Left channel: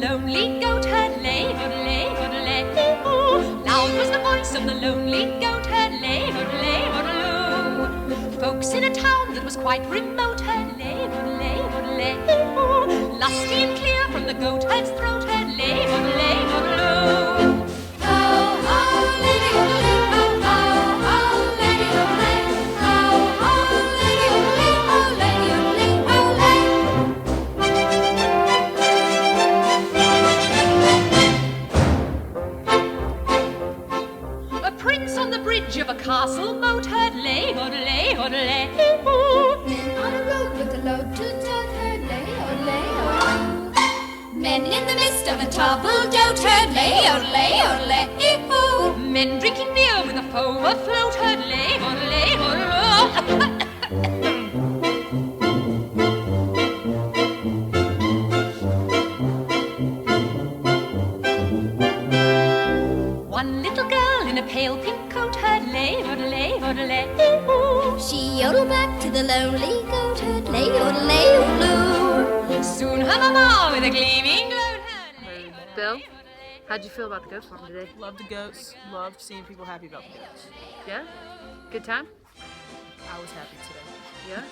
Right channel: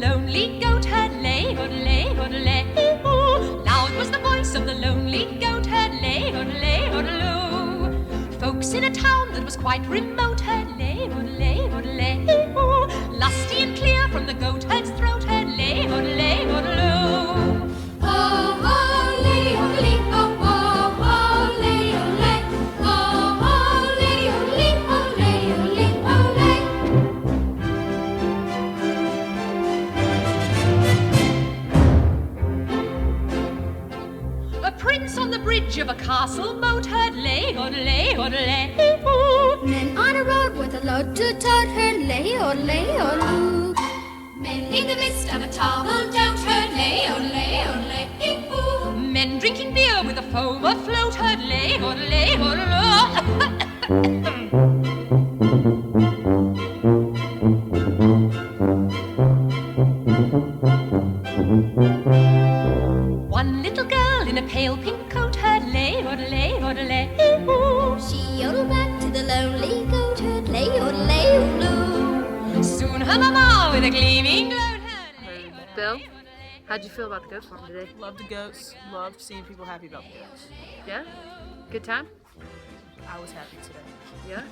lonely goat herd, lay, hoodle, hoodle, loud was the voice of the lonely goat herd, lay, hoodle, hoodle. Folks in a town that was quite remote herd, lay, hoodle, hoodle, lusty and clear from the goat herd's throat herd, lay, hoodle, hoodle. Prince on the bridge of a castle moat heard lay, hoodle, hoodle. Men on a road with a load to tote heard lay, hoodle. Men in the midst of a troubled doubt heard lay, hoodle. Men drinking beer with a foam afloat heard lay, hoodle, hoodle. One little girl in a pale pink coat heard lay, hoodle, hoodle. She yodeled back to the lonely goat herd, lay, hoodle. Soon her mama with a gleaming gloat heard lay, hoodle. Bill, how'd you feel about the goat farm today? Loved the goats. Loved seeing people happy about the goats. Yeah? Good time? I was happy today. Yeah?